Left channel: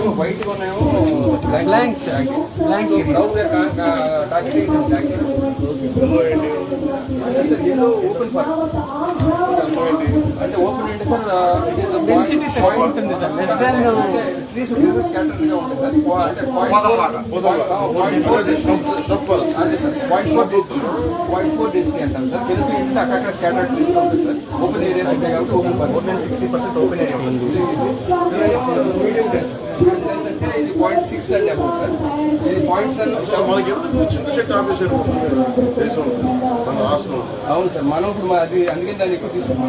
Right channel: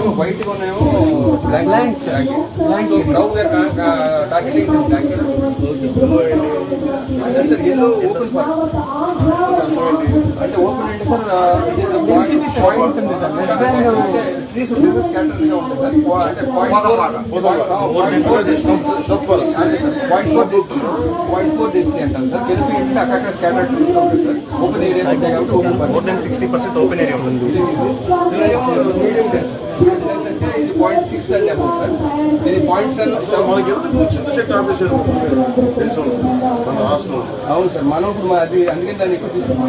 ఇవేమో వైట్ గా ఉన్నాయేమో blanks brown target sir yellow open for అంటే ఓపెన్ అంటే సార్ ఉంటుంది సార్ ట్రీస్ ఉంటుంది స్కాటర్ గా ఉంటుంది సార్ .4 డెన్సిటీ అంటారు సార్ కెనపీ అంటే అక్కడ స్కాటర్ ట్రీస్ గా ఉంటుంది సార్ ఓపెన్ ఏరియాస్ ఉంటాయి కాబట్టి ఓపెన్ ఫర్ 60% ఓపెన్ ఏరియా ఉంటుంది మీడియం డెన్స్ అంటే ఇది 0.6 అంటే అబౌట్ సార్ ఇది 0.7 మనకి ఎందుకు చిన్న చెట్టు ఆపేశారు అవును సార్ మనం ఇప్పుడు అది అందుకని దాన్ని ఎక్కువ తీసుకుంటాం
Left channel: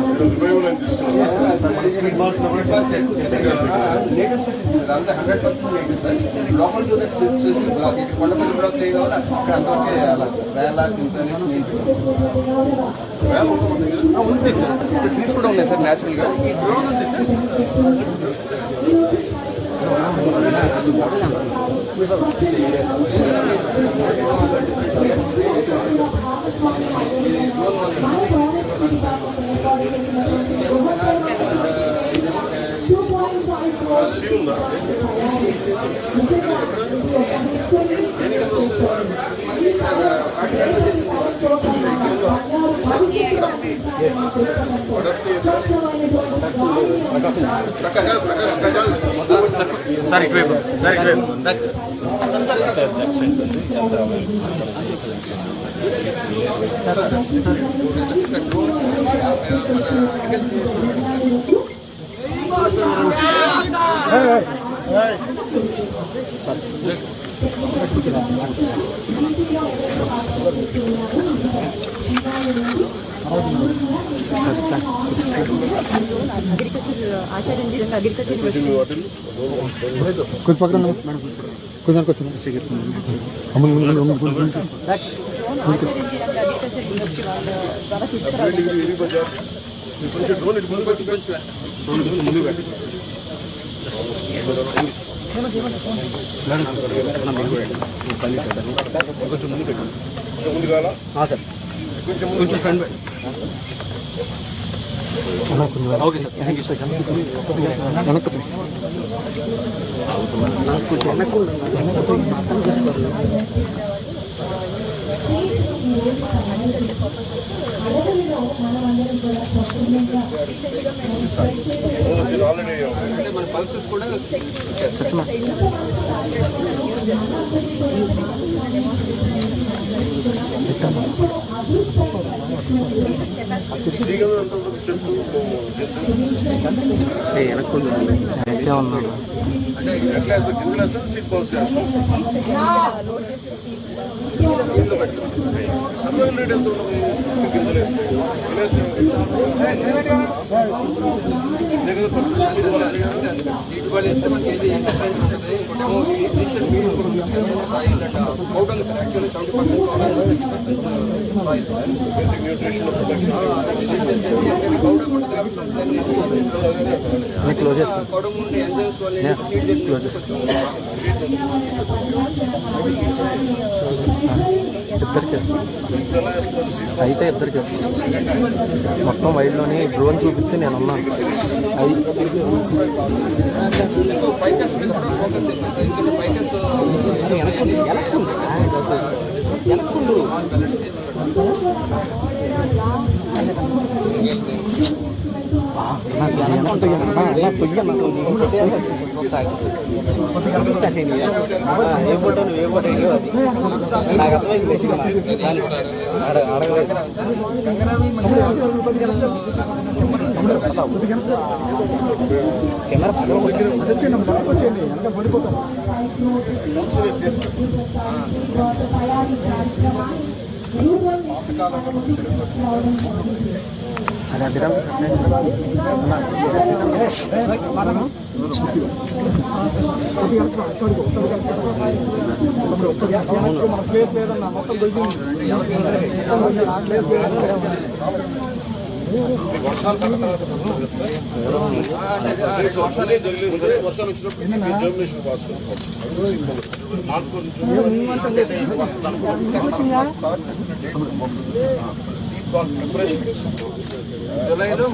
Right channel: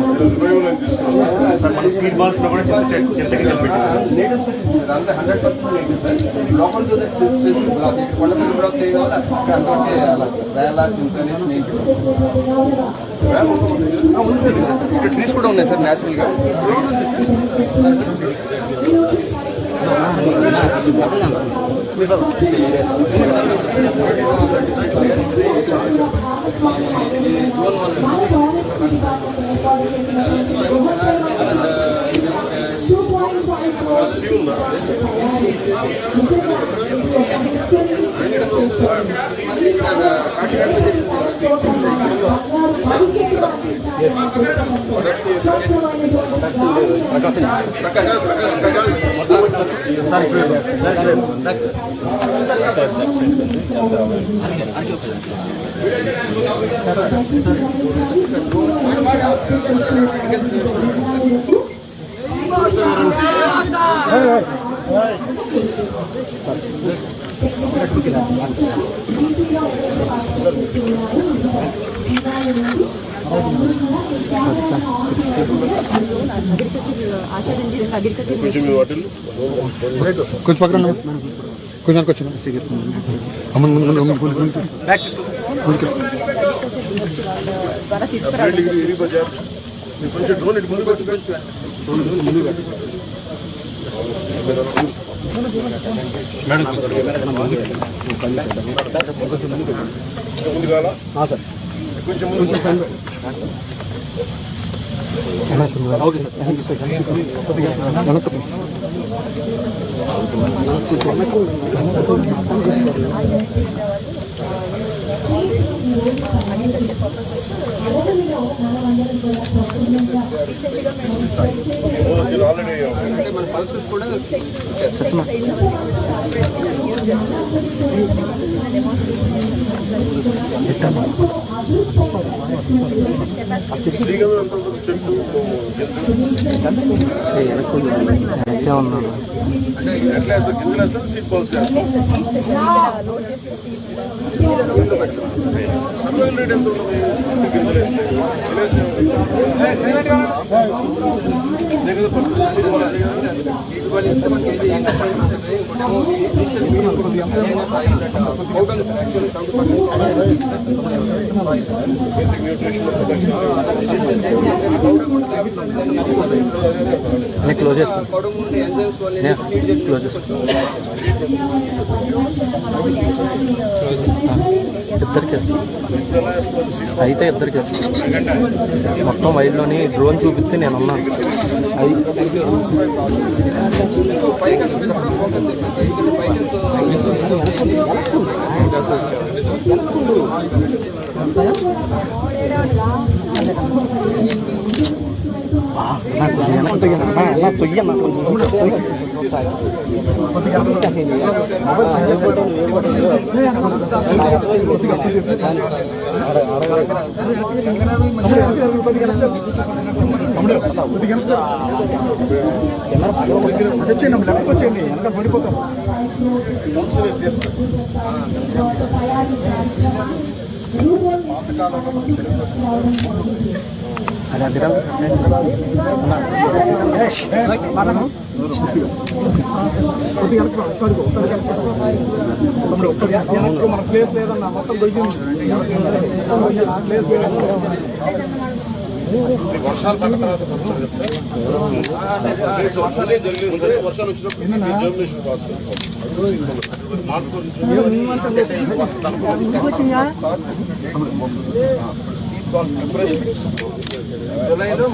నేటివ్ స్పెసిస్ సార్ అంతా 100% నేటివ్ సార్ లోపల స్పెసిఫిక్ బ్లాక్ ఇక్కడ కొండపల్లి బ్లాక్ ఏ కావాలి అక్కడ అంతవరకే అలా వేల చింతనే ఉంటుంది సార్ ఇక్కడ ట్రీస్ కూడా ఉన్నాయి సార్ న్యాచురల్గా कुछ पकड़ना कुछ ना कुछ हम మన పల్సెస్ కూడా అయితే ఇద్దరికి మొత్తం వైడ్లోని డ్రోన్ చూపిస్తే నేను ఉన్నాను వర్షాలు పడిన తర్వాత వర్షాలు వచ్చినప్పుడు జర్మినేషన్ ఫాస్ట్ జూలైలో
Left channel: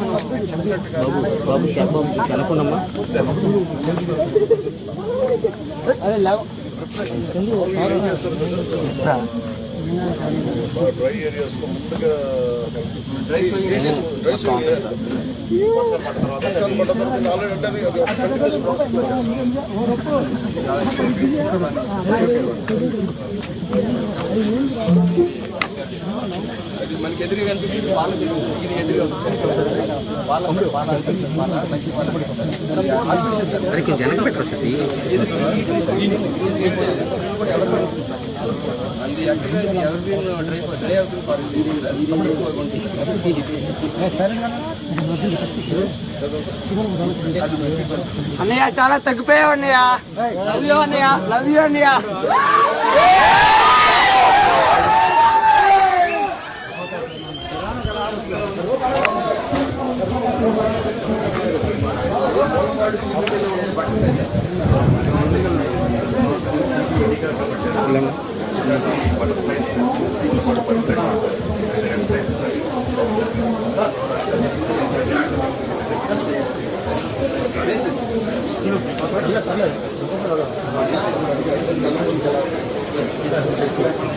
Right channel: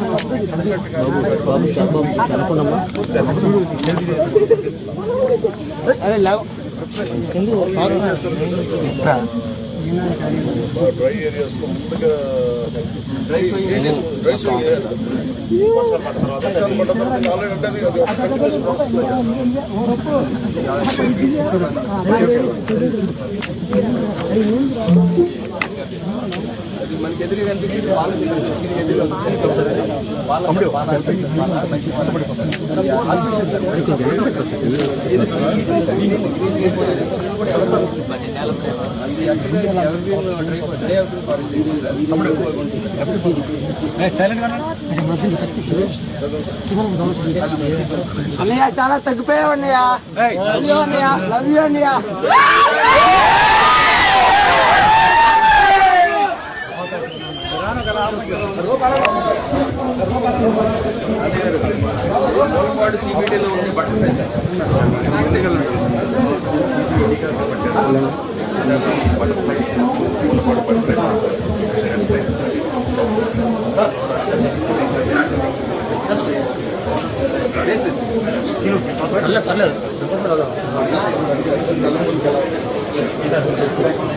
డ్రై ఏరియాస్ లో ముందుగా డ్రై ఏరియాస్ వర్షాలు పడ్డ తర్వాత ఆల్రెడీ అంటే అది ఒక కంటిన్యూస్ ప్రాసెస్ లో అది మనకి ఎదురుగా అనిపించింది పాల ఇది ఎదురుగా పాల మంచి అన్నయ్య చాలా తగ్గిపోయావు అన్నయ్య. లవ్ యూ అన్నయ్య. వాడు సిబిటీలో ఉండే బట్టలు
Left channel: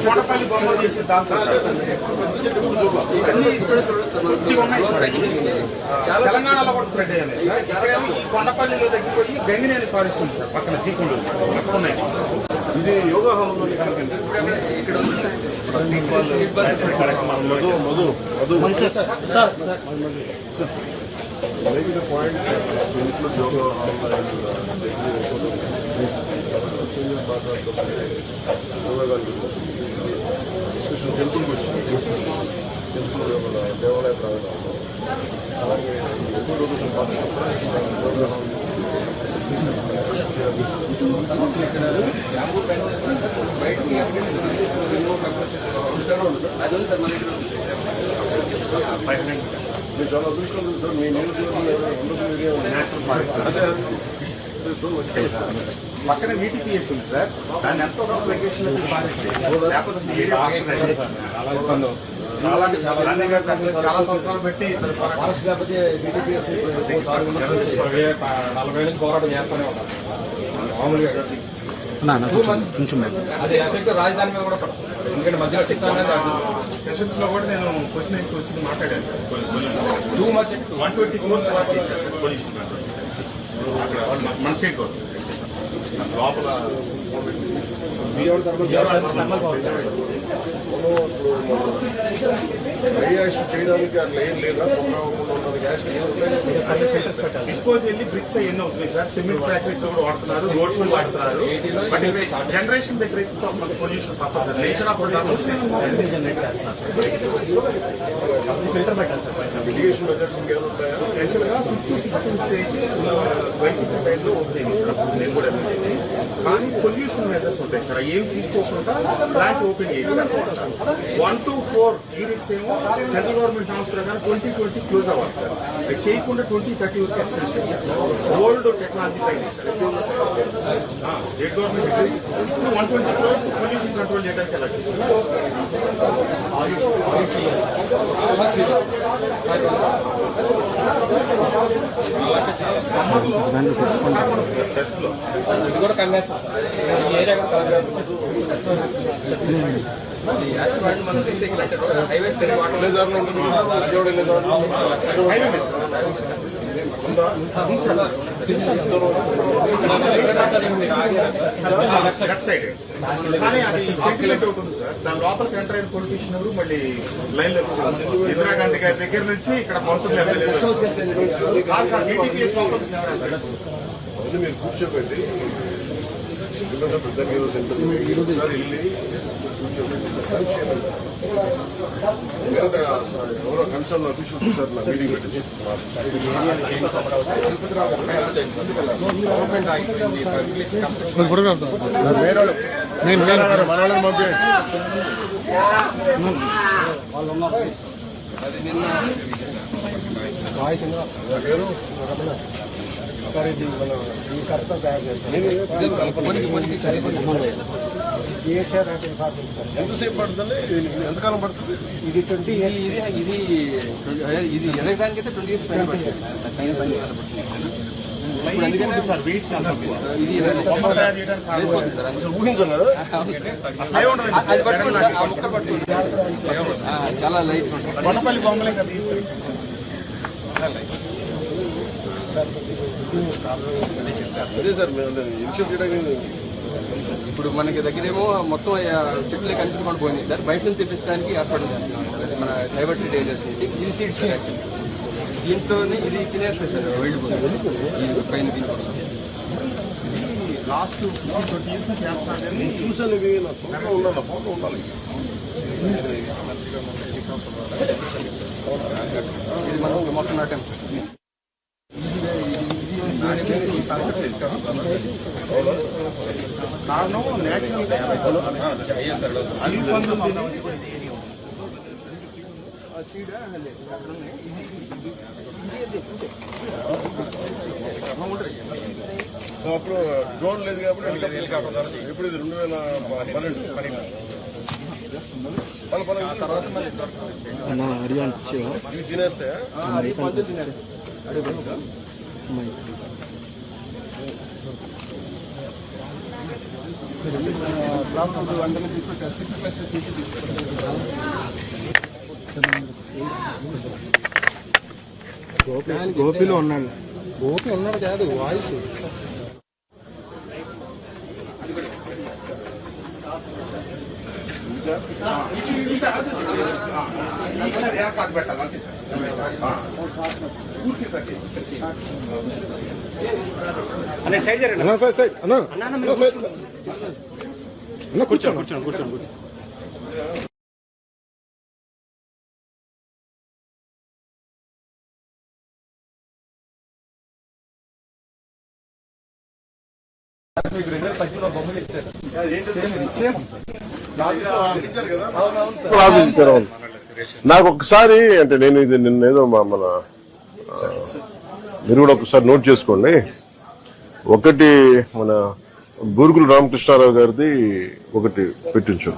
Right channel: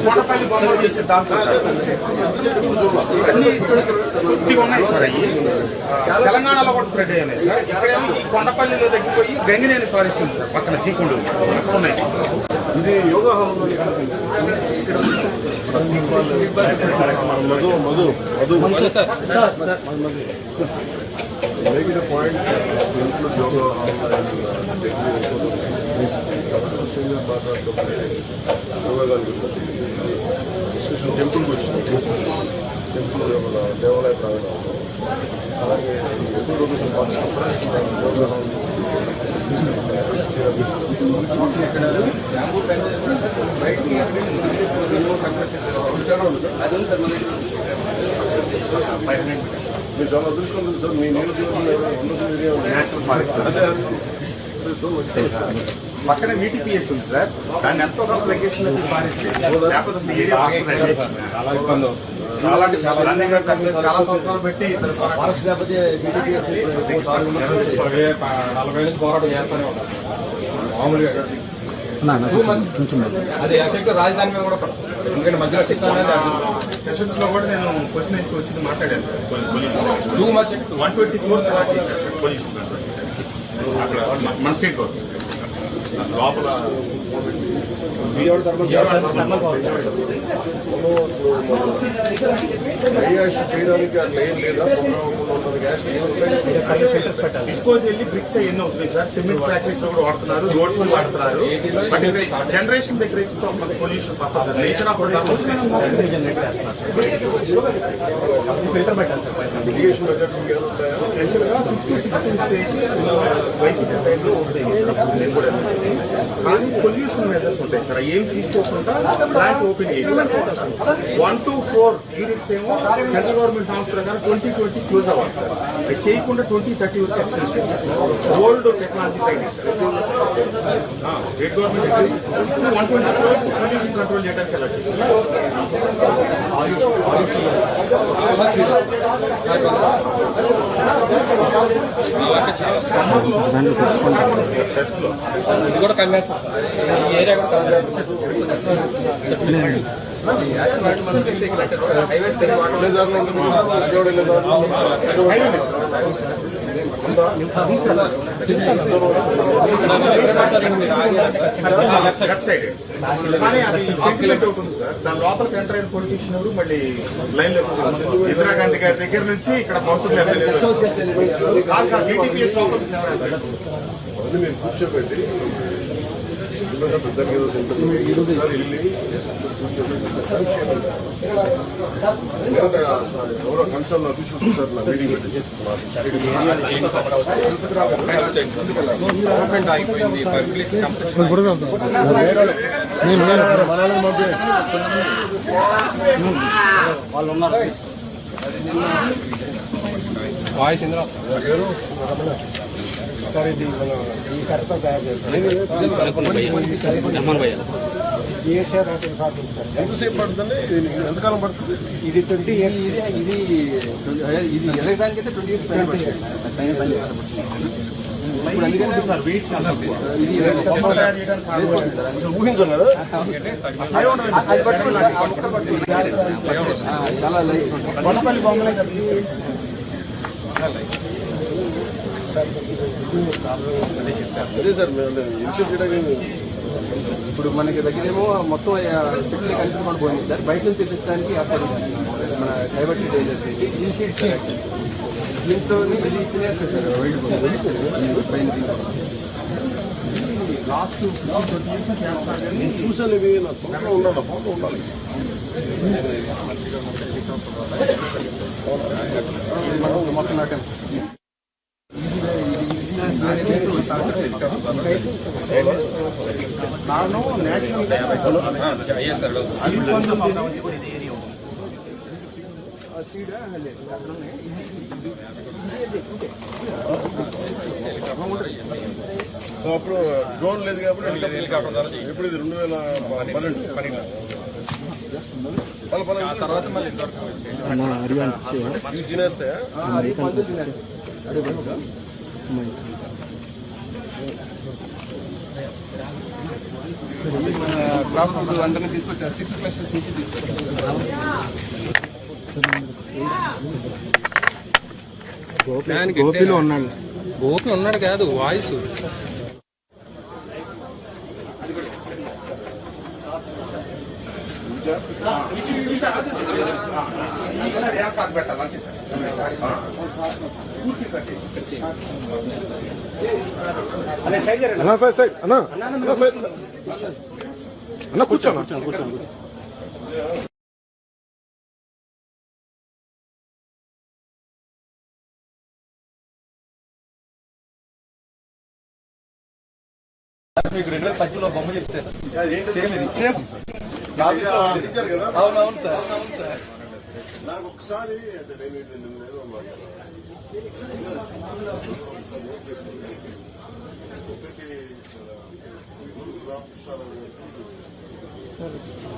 కొండపల్లి బొమ్మలు చేసే దాంట్లో ఇవన్నీ కొద్దిగా ఉన్నాయి సార్. అవి తెలంగాణలో కూడా స్ప్రెడ్ అయ్యాయి. ఇక్కడేమో ఈ కొండపల్లిలో తగ్గిపోయి గంగినేని ఫారెస్ట్ ఉంది సార్ పక్కన చీకుండు అక్కడ ఉన్నాయి. ఇది యోగా హాల్లో మధు మధు మధు పాయింట్ ఇంట్లో యోగా హాల్ డిస్కషన్ టెంపుల్కి వచ్చింది. టెంపుల్ దేవాలయ ప్రాంగణంలో అలాగే ఎక్కువ రోజు మీరు చాలా అదృష్టం ఉంది సార్. మీ నియోజకవర్గంలో నేషనల్ ఫారెస్ట్ పక్కన VTPS ఉంది సార్. దాన్ని ఎంతో కొంత తగ్గిస్తున్న ఫారెస్ట్ అలాంటి చాలా సంవత్సరాలు పెట్టి ఫారెస్ట్ లేకపోతే BTPS 40 నుంచి పోరాటం చేస్తూనే ఉంటారు మామూలుగా. 2 months అది ఎఫెక్ట్ రాజధాని మీద కూడా పడుతుంది. ఎందుకంటే మధ్యలో సెషన్స్ లో కూడా నేను క్వశ్చన్ వేసి వచ్చి మాట్లాడాను సార్. 2 months 120 crores అలాట్ చేశారు సార్ పొల్యూషన్ అక్కడ మన స్టేట్ గవర్నమెంట్ లోపల గ్యాస్ చేయడానికి అట్లా ఏం లేదా డిస్పోజ్ వెళ్ళి బ్రిక్స్ ఎన్ని అవుతున్నాయి సార్. సిమెంట్ ఫ్యాక్టరీస్ లో కూడా వాడుతున్నారు, రోడ్స్ లో వాడుతున్నారు. బట్ జనరేషన్ దగ్గర పొల్యూషన్ తప్ప సార్. నేచర్ ఆఫ్ జనరేట్ చేస్తున్నారు. ఫిల్టర్ పెట్టాలి సార్. మిటిగేషన్ మెథడ్స్ ఇంకేముంటాయా? యాక్చువల్ గా 5th to 6th stage YCP టైంలో ఉంటాయి సార్. నేను కూడా కానీ పొల్యూషన్ మెజర్స్ ఉంటాయి సార్. ఏం తీసుకోకుండా ప్లాంట్ ఓపెన్ చేశారు. 1 to 4 యూనిట్స్ ఏమో సెంట్రల్ గవర్నమెంట్ నామ్స్ ప్రకారం 2020 క్లోజ్ అవ్వాలి సార్. అది చేయకుండా 2030 వరకు ఎక్స్టెన్షన్ చేశారు. ఓల్డ్ టెక్నాలజీ పైన sir. State government 120 crores pollution control చేయడానికి ఎలా చేస్తారు. ఇది కూడా కన్వేస్తాం ఈ ఏరియా కూడా మనం రీసైకిల్ అంటే హైవేస్ లెఫ్ట్ సైడ్ కానీ అది సెటిల్మెంట్ అవుతుంది సార్. దాని లోపలికి ఎంటర్ అయిన పొలిటీషియన్ ఎవరు మళ్ళీ లైన్ లో ఇందిరాగాంధీ గారి దగ్గర నుంచి ఇక్కడ మౌసూర్ BTPS లోపలికి మీరు కూర్చోబెట్టి పెద్ద సార్ వెళ్ళి ఎవరో కన్సర్న్ అఫీషియల్స్ సార్ నా మీటింగ్ పెట్టి వాళ్ళు ఉన్నారు. అది నిన్న వాయిస్ ఇందులో సార్ ఇది మన ఈ కరెక్ట్గా తయారు చేస్తాం. ఎంతసేపు పడుతుంది? ఎంతకాలం పడుతుంది? ఇది 20 years. ఇది ఎలక్ట్రానిక్ అయితే 20 years పైన పడుతుంది. ఇప్పుడు అందుకనే సార్ వెయిట్ చాలా తక్కువ. ఇది బొమ్మ తయారు చేయడానికి కారణం అసలు ఊహించాం కదా. అది పట్టుకోండి, ఆ ముక్క పట్టుకోండి. చాలా లైట్ ఉంటుంది. కొండపల్లి బొమ్మలే కదా. అదే సార్ ఇప్పుడు మనకి దగ్గరేమో మొత్తం చెట్లు కనిపించుకొని పోయింది సార్. బయట నుంచి తెప్పించడానికి ఏర్పాటు చేస్తున్నాం సార్. మన డైవర్టెడ్ ఏరియాస్ ఇది సీడ్స్ దీంతో ఇది తినేస్తారు సార్. వెళ్ళిపోయింది పైన లాస్ట్ 20 years చేస్తారు కానీ చూసాను ఇవి నా ఫోటో ఉండాలి, ఫోటో ఉండాలి. ఇది మనం మొత్తం నాటాం. కారణం నేషనల్ అప్పుడు డ్రోన్ లేదు కాబట్టి ఎప్పుడు ఇది 2012 తర్వాత మళ్ళీ ఇవి తినేస్తాయా? మందు తిన్నారు అడుగు ప్రాబ్లమ్ అందరినీ తీసుకొచ్చారు. 6 క్లాసెస్ నుంచి తీసుకొచ్చారు. గోపిలో ఉన్నాడు. గోపి ఉన్నాడు కాదు, వాయిస్ అన్న కూర్చోండి. నాకు ఒకసారి అంటే నేను ఇది నిన్నేదో మన మీరు కూడా ఒకసారి నోట్ చేసుకోండి. ఒకటి మన బూరుగుల రామకృష్ణారావు గారిది ఒకటి పెట్టించు.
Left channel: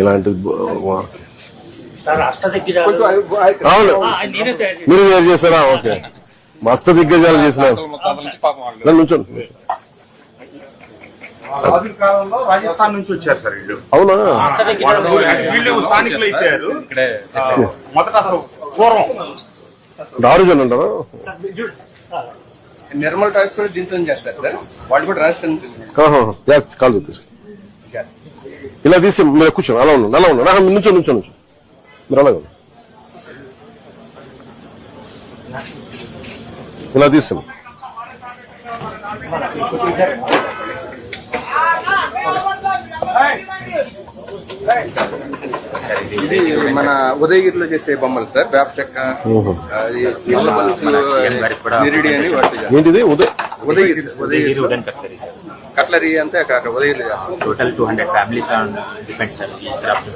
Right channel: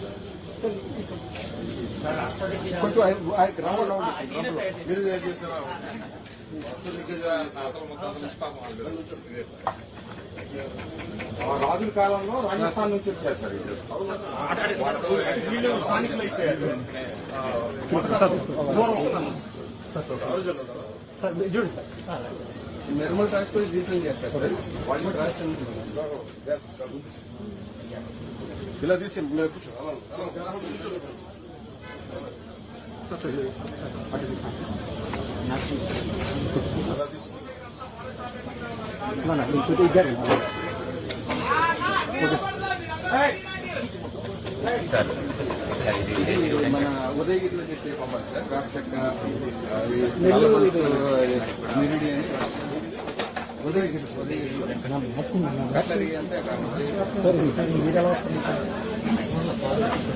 ఇలాంటిది అవును మీరు తయారు చేశారా? ఓకే, మస్తు దిగ్గజాలు చేసినారు. నుంచోండి. రాజస్థాన్ నుంచి వచ్చారు సార్ వీళ్ళు. అవునా? వీళ్ళు స్థానికులు అయిపోయారు. మొదట పూర్వం ఆరిజిన్ అంటారా? నిర్మల్ టాక్స్ కూడా దీంతో చేస్తారు సార్. వాటి కూడా రాజస్థాన్ కాదు ఇలా తీసి మీరు కూర్చోండి. అలా ఉండండి, అలా ఉండండి. నుంచో మీరు అలాగే ఇలా తీసాం. ఇది మన ఉదయగిరిలో చేసే బొమ్మలు సార్. వేప చెక్క, నిరిడి అని వాటి ఏంటిది? ఉదయగిరి కట్లరీ అంతే అక్కడ ఉదయగిరి. టోటల్ 200 ఫ్యామిలీస్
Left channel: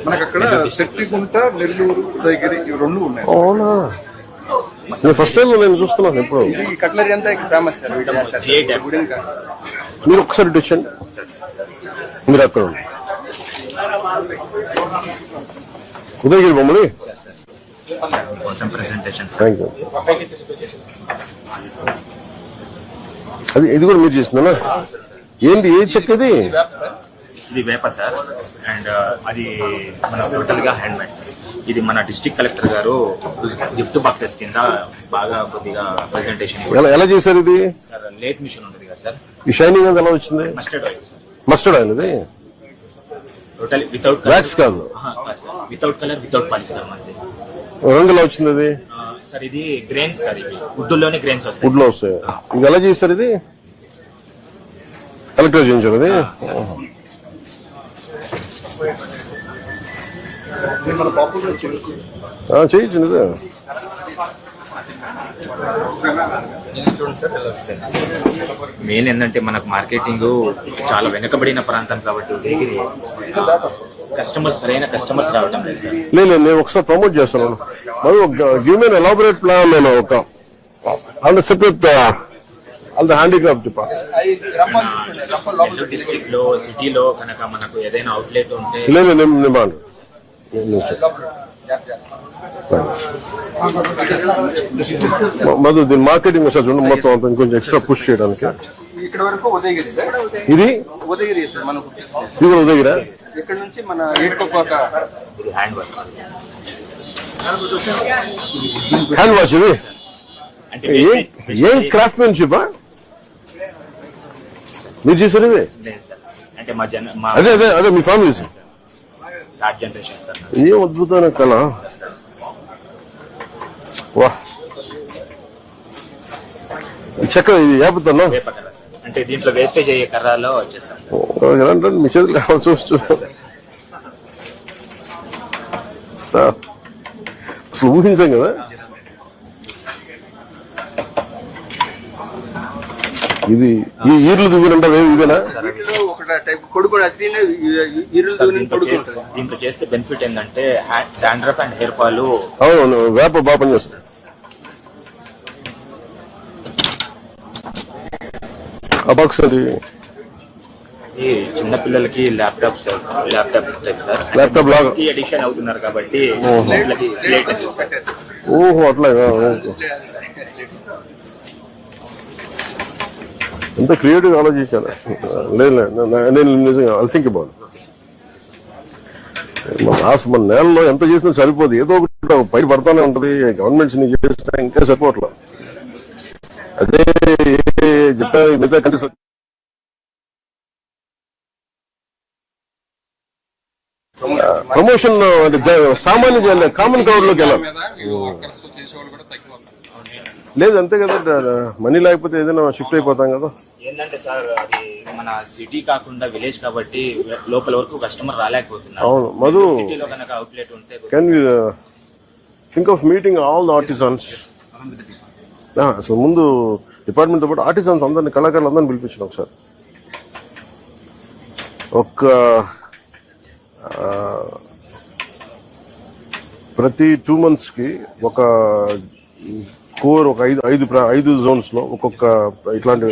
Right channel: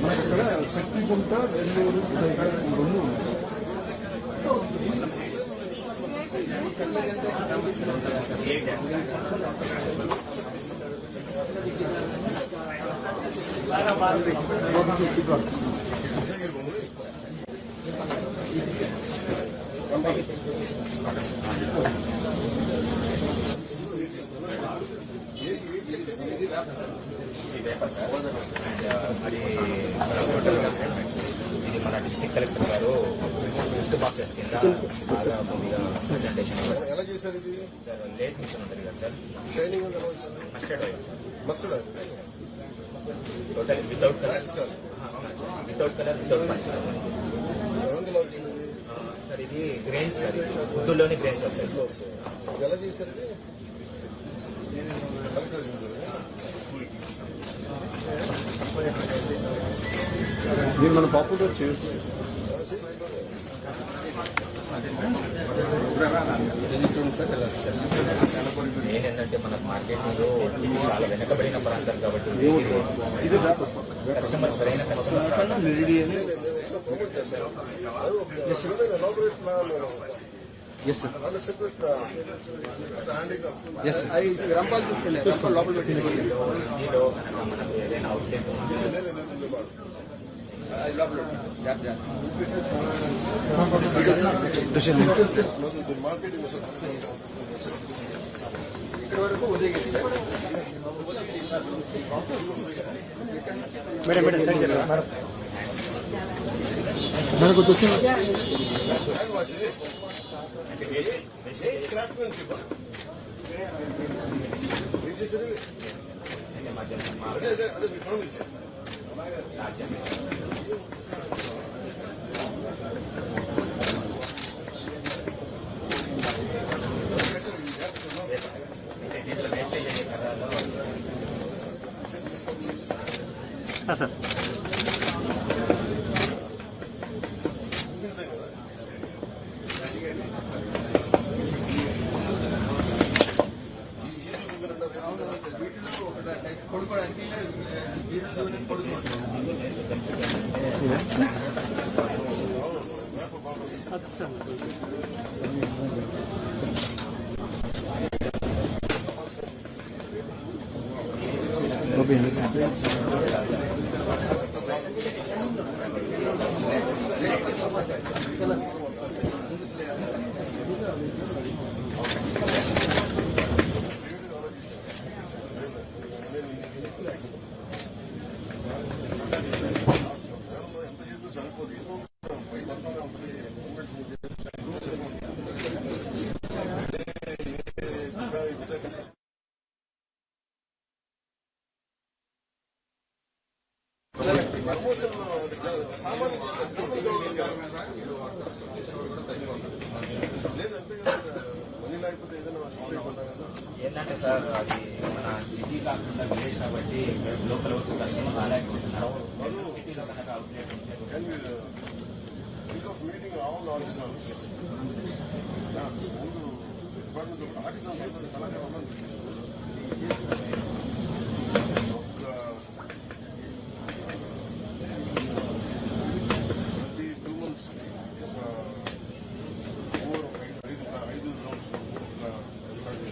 మనకు అక్కడ సెట్లిగుంట, నెల్లూరు, ఉదయగిరి ఇవి 2 ఉన్నాయి. అవునా? నేను ఫస్ట్ టైం నేను చూస్తున్నాను. ఎప్పుడు ఇది కట్లరీ అంతా ఇక్కడ ఫేమస్ సార్. మీరు ఒకసారి ఇటు వచ్చండి. మీరు అక్కడ ఉదయగిరి బొమ్మలు. Thank you. అది ఇది కూడా మీరు చేసిందన్నా? ఏంటి ఏ చెక్క ఇది? ఇది వేప సార్. అండ్ అది మన టోటల్ గా హ్యాండ్ మేడ్. ఇది మన డిస్ట్రిక్ట్ కలెక్టర్ గారు గిఫ్ట్ బాక్సెస్ కింద బాగా కొద్దిగా ప్రెజెంటేషన్ ఎలా చేశారు ఇది? లేట్ మిషన్ ఉంది కదా సార్. ఈ షైనింగ్ అది ఎలా వచ్చింది? మస్టర్డ్ ఆయిల్ ఇది? టోటల్ వితౌట్ వ్యాక్స్ కాదు, without colour without polish sir. రంగు ఎలా వచ్చింది అది? సార్ ఇది గ్రెయిన్స్ సార్. ఇది వుడ్లోనే గ్రెయిన్స్ వస్తాయి. వుడ్ లో వస్తాయి. ఇది ఎలా చేశారు? ఇది కలెక్టర్ చేయించారు అది? చేయించింది. మెయిన్ ఏంటంటే మనకు మార్కెటింగ్ చాలా వెనకబడిన ప్రాంతం కాబట్టి ఉదయగిరి కస్టమర్స్ సరైన కస్టమర్స్ రావడం లేదు. నేను ఒకసారి ప్రమోట్ చేస్తాను. మరి గివ్ మీ ఎలాబొరేట్ ప్లాన్. నేను ఒక on the separate all the handicraft district లో సిటీలో కనుక మనకు ఏదైనా అవుట్లెట్ ఉంటే డిమాండ్ మధు దీని మార్కెటింగ్ ఒకసారి చూడండి, మొత్తం అంత ఇంకొంచెం ఎక్స్ట్రా పుష్ చేయడానికి. ఇక్కడ వరకు ఉదయగిరి సార్, ఇది ఉదయగిరి సార్ మనం ఇది కూడా దగ్గర ఇక్కడ నుంచి మన ఏడుకొప్పాక హ్యాండ్ వర్క్ హ్యాండ్ వాష్. ఇది అంటే ఏం క్రాఫ్ట్మెన్షిప్ మీరు చేశారు ఇవి? లేదు సార్, అంటే మా అదే అదే అదే మీ ఫ్యామిలీ థర్డ్ జనరేషన్ సార్. ఏం అద్భుతమైన కళ. వా చెక్క ఇది ఏపుతాను వేప కలర్ అంటే దీంట్లో వేస్టేజ్ అయ్యే కర్రలో వచ్చేస్తాం. మీ చేతులు చూస్తూ అసలు ఊహించాం కదా. ఇది ఈ ఈర్లు దిగునంటే ఇదేనా? వీటిలో ఒక టైప్ కొడుకు అట్లనే ఇరులు దూని కొడుకు. దీంట్లో చేస్తే బెనిఫిట్ ఏంటంటే డాండ్రఫ్ అండ్ హెయిర్ ఫాల్. అవును, వేప బాగా పనిచేస్తుంది. అబాక్స్ అది ఈ చిన్న పిల్లలకి ల్యాప్టాప్ టైప్ సార్. ల్యాప్టాప్ లాగా ఈ ఎడిషన్ అవుతున్నారు కాబట్టి వీళ్ళకి లేటెస్ట్ ఓహో అట్లా ఎంత క్రియేటివ్ ఆలోచించాను. లేదు నేను నిజంగా ఐ థింక్ అబౌట్ మన నేలలో ఎంత చేసినా సరిపోదు, ఏదో ఒకటి పైన పడతానే ఉంటుంది. గవర్నమెంట్స్ ని చేసినా ఇంకా సరిపోవట్లా. అదే చెప్పా మిగతా కంట్రీస్ ప్రమోషన్ అంటే సామాన్య కామన్ కవర్ లోకి వెళ్ళాలి. లేదు అంతే కదా, మనీ లేకపోతే ఏదైనా షిఫ్ట్ అయిపోతాం కదా. ఏంటంటే సార్ అది మన సిటీ కాకుండా విలేజ్ కాబట్టి లోపల వరకు కస్టమర్ రాలేకపోతున్నారు. అవును మధు, సిటీలో కనుక అవుట్లెట్ ఉంటే can you think of meeting all the artisans? అసలు ముందు డిపార్ట్మెంట్తో పాటు ఆర్టిజన్స్ అందరినీ, కళాకారులు అందరినీ పిలిపించినాం సార్. ప్రతి 2 months ఒక కోర్, ఒక 5 zones లో ఒక్కొక్క ఇట్లాంటి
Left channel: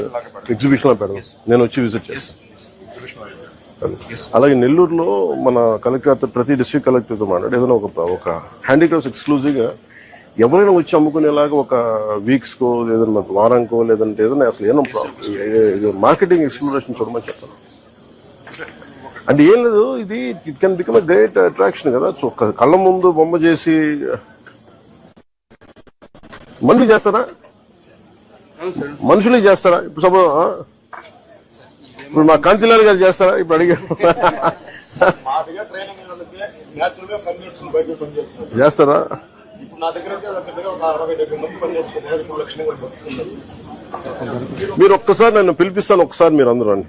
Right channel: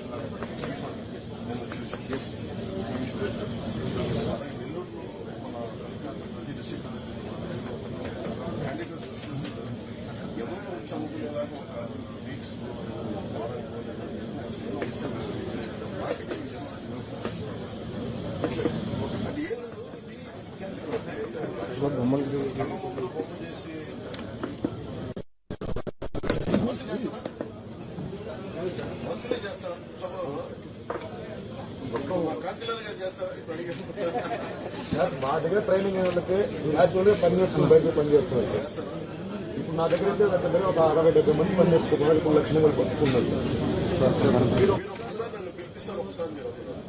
ఎగ్జిబిషన్ పెడదాం. నేను వచ్చి విజిట్ చేస్తాను. అలాగే నెల్లూరులో మన కలెక్టర్, ప్రతి డిస్ట్రిక్ట్ కలెక్టర్తో మాట్లాడి ఏదైనా ఒక హ్యాండిక్రాఫ్ట్స్ ఎక్స్క్లూజివ్గా ఎవరైనా వచ్చి అమ్ముకునేలాగా ఒక వీక్స్కో ఏదైనా వారానికో లేదంటే ఏదైనా అసలు ఏదో మార్కెటింగ్ ఎక్స్ప్లోరేషన్ చూడమని చెప్తాను. అంటే ఏం లేదు, ఇది it can become a great attraction కదా. కళ్ళ ముందు బొమ్మ చేసి మనుషులు చేస్తారా? మనుషులే చేస్తారా? ఇప్పుడు మా కాంతిలాల్ గారు చేస్తారా? ఇప్పుడు అడిగారు చేస్తారా? మీరు ఒక్కసారి నన్ను పిలిపిస్తాను, ఒకసారి మీరు అందరూ అండి.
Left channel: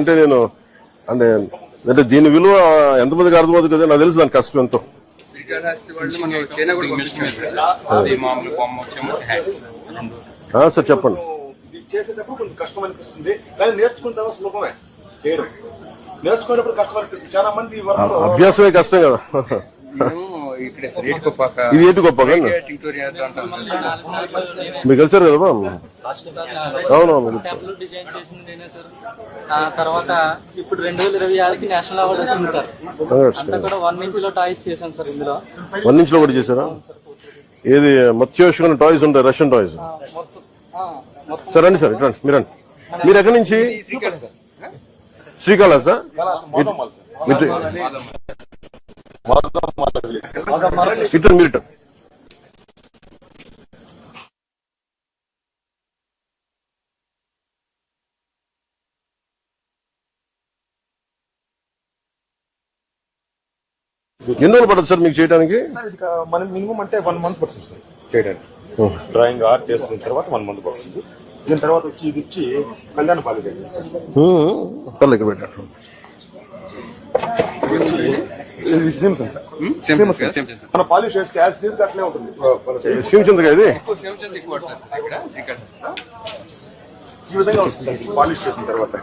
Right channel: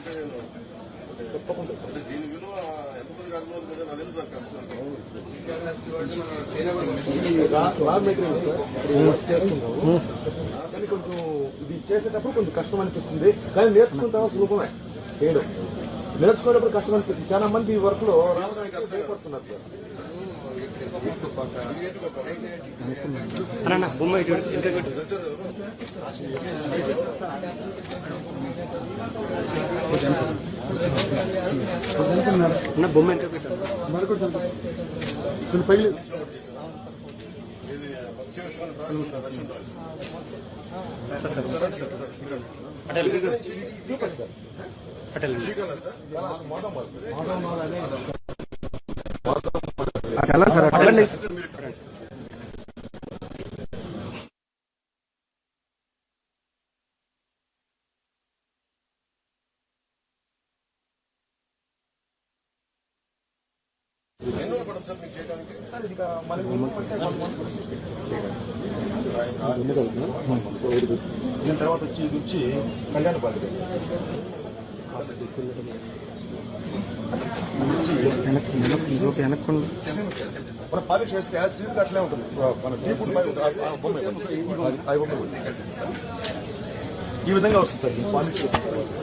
అంటే నేను అంటే దీని విలువ ఎంతమందికి అర్థమవుతుంది కదా, నాకు తెలుసు దాని కష్టం ఎంతో. సార్ చెప్పండి. అభ్యాసమే కష్టం కదా. ఇది ఏటి గొప్ప మీకు కలిసారు కదా. అవునవును. తర్వాత ఇప్పుడు 2026కి నేషనల్ అవార్డు వచ్చింది సార్. అంతా కూడా 1 inch లో టాయ్స్ చేశాను సార్. ఇందులో 1 inch లో కూడా చేశారా? ఏది మత్స్యోషమైన టాయ్స్ ఉంటాయి, రష్యన్ టాయ్స్. సార్ రండి సార్, ఇట్రండి. మీరు ఎక్కడి నుంచి? శ్రీకాళహస్తి సార్. ఇట్లా మీరు ఎన్ని రోజులు పడుతుంది సార్ మీకు చేయడానికి? అంటే 1 month పడుతుంది సార్ చేయడానికి. డ్రాయింగ్ ఆర్ట్ చేసుకున్న తర్వాత 1 month పడుతుంది. దీని తర్వాత వచ్చి కళ్యాణ బాగా లెక్క పెట్టారు. మన పాలిష్ వేస్తే అట్లే ఉంటుంది. శివచంద్ర ఇది ఈ విధంగా వస్తుంది పాలిష్ చేసిన తర్వాత.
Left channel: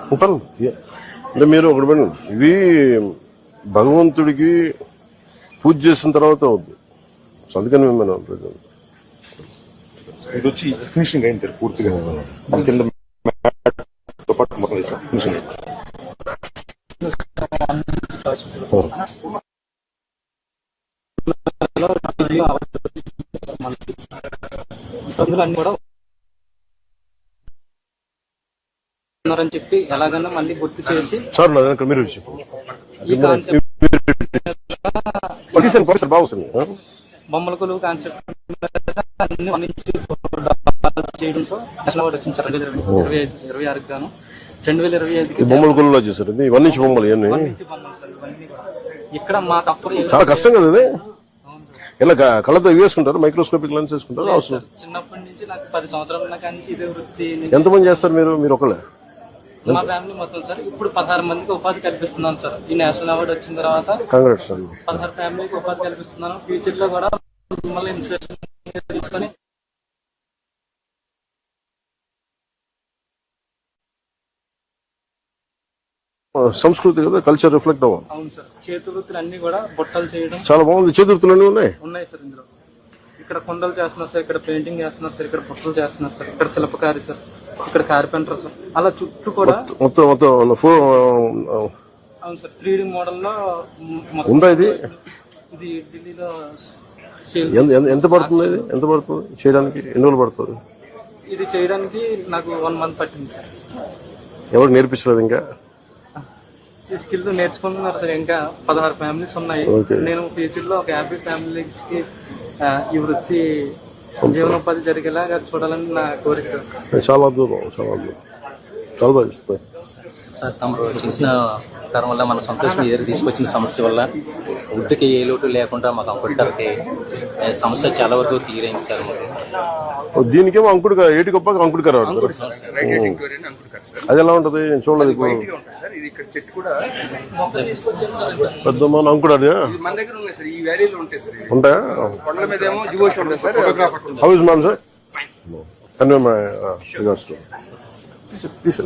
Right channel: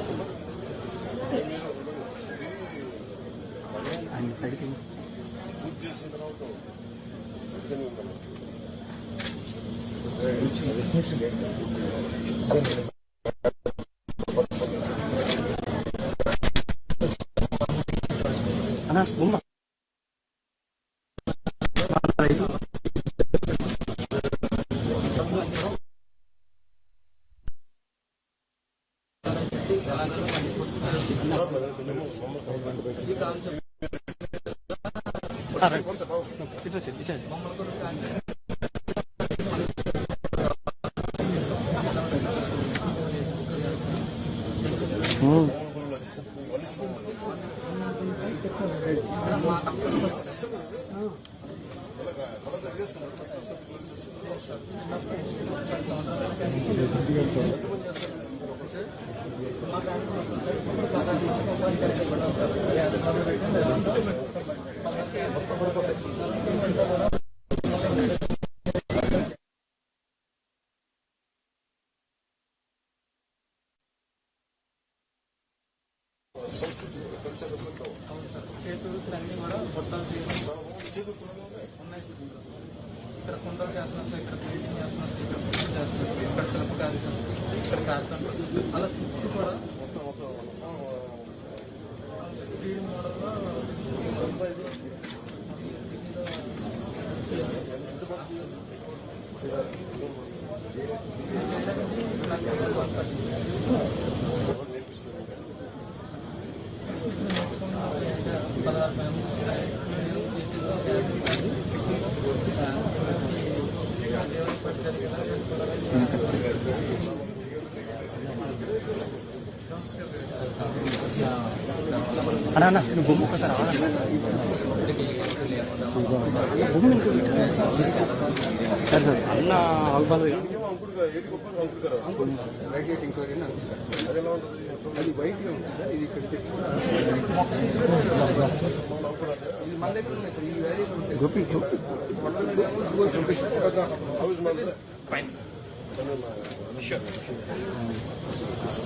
అంటే మీరు ఒకటి పని, ఇది భగవంతుడికి పూజ చేసిన తర్వాత అవుతుంది. అందుకని మేము ఇది వచ్చి ఫినిషింగ్ అయింది పూర్తిగా. కింద మొత్తం ఫినిషింగ్ అన్ని కూడా ఉన్నారని చెప్పి ఎలాగైనా మళ్ళీ గుర్తు చేసి సార్ నా దగ్గర మీరు ఈ కాన్సెప్ట్ బాగుంది బొమ్మల కొలువు కాన్సెప్ట్ అన్ని చేయడంతో నేషనల్ అవార్డు వచ్చింది సార్ 2026 గాను 2025 బొమ్మల కొలువులో చేశారు ఇది 1 ఇంచ్ బొమ్మలు ఇవన్నీ ఇక్కడ మా తప్పని చాలా కష్టం కదా ఇది ఇలా కళ్ళతో వేసుకుంటారు మైక్రోస్కోపిక్ లెన్స్ వేసుకుంటారు అవసరం చిన్నప్పటి నుంచి నాకు 10 సంవత్సరాలు ఉన్న కానీ ఇది వృత్తి ఎంతమంది చేస్తారు మీరు ఒకళ్ళే మా ఫ్యామిలీ మొత్తం సార్ ఇప్పుడు 16 మందికి ఉపాధి కల్పిస్తున్నాం సార్ ఈ నేషనల్ అవార్డు వచ్చిన తర్వాత కాంగ్రెస్ అండి 16 ఫ్యామిలీకి ఉపాధి కల్పిస్తున్నాను ఫ్యూచర్ లో కూడా మిమ్మల్ని ఇన్స్పిరేషన్ తీసుకొని సంస్కృతి కదా కల్చర్ రిఫ్లెక్ట్ అవ్వాలి అవును సార్ చేతి వృత్తులు అన్ని కూడా బుట్టలు చేయడం చాలా బాగుంది చేతుర్తులన్నీ ఉన్నాయి ఉన్నాయి సార్ ఇందులో ఇక్కడ కుండలు చేస్తున్నారు సార్ ఇక్కడ పెయింటింగ్ చేస్తున్నారు సార్ ఇక్కడ బుట్టలు చేస్తున్నారు సార్ ఇక్కడ శిల్పకారి సార్ ఇక్కడ కార్పెంటర్ సార్ అలా చుట్టూ కూడా మొత్తం అవును సార్ 3D మోడల్లో ఉందా ఇది ఇది ఎంత పడుతుంది ఇది ఎంత పడుతుంది చేయడానికి ఎన్ని రోజులు పడుతుంది ఇది చేయడానికి నాకు 1 మంత్ పట్టింది ఎవరికి నేర్పించలేదు ఇంకా ఈ స్కిల్ నేర్చుకుంటున్నారు సార్ ఇంకా 16 ఫ్యామిలీస్ ఉన్నాయి Okay. నేను ఫ్యూచర్ లో ఒక 50 ఫ్యామిలీస్ కి ఈ వృత్తి జీవనోపాధి జరిగేలాగా చూడాలని నా కోరిక సార్. చాలా అద్భుతం చాలా అద్భుతం చాలా బాగా చెప్పారు. సార్ తమరు చూసిన తరం వల్ల మన సంతోషం ఏదో తీసుకొచ్చిన సమస్య వల్ల ఇంటికి ఏ లోటు లేకుండా మా కంప్యూటర్కి సమస్య చాలా వరకు తీరైంది సార్. దీనికేమో అంకుడు ఏటి గొప్ప అంకుడు గారు వాడతారు అది ఎలా ఉంటుంది నేను చూడలేదు ఇప్పుడు పెద్ద మన అంకుడు అది మన దగ్గర ఉన్నాయి సార్ ఈ వ్యాలీలో ఉంటాయి సార్ ఉంటాయా కొండల మీద ఏమో జియోస్ ఉంటుంది sir photographer how is ma'am sir and my regards to please sir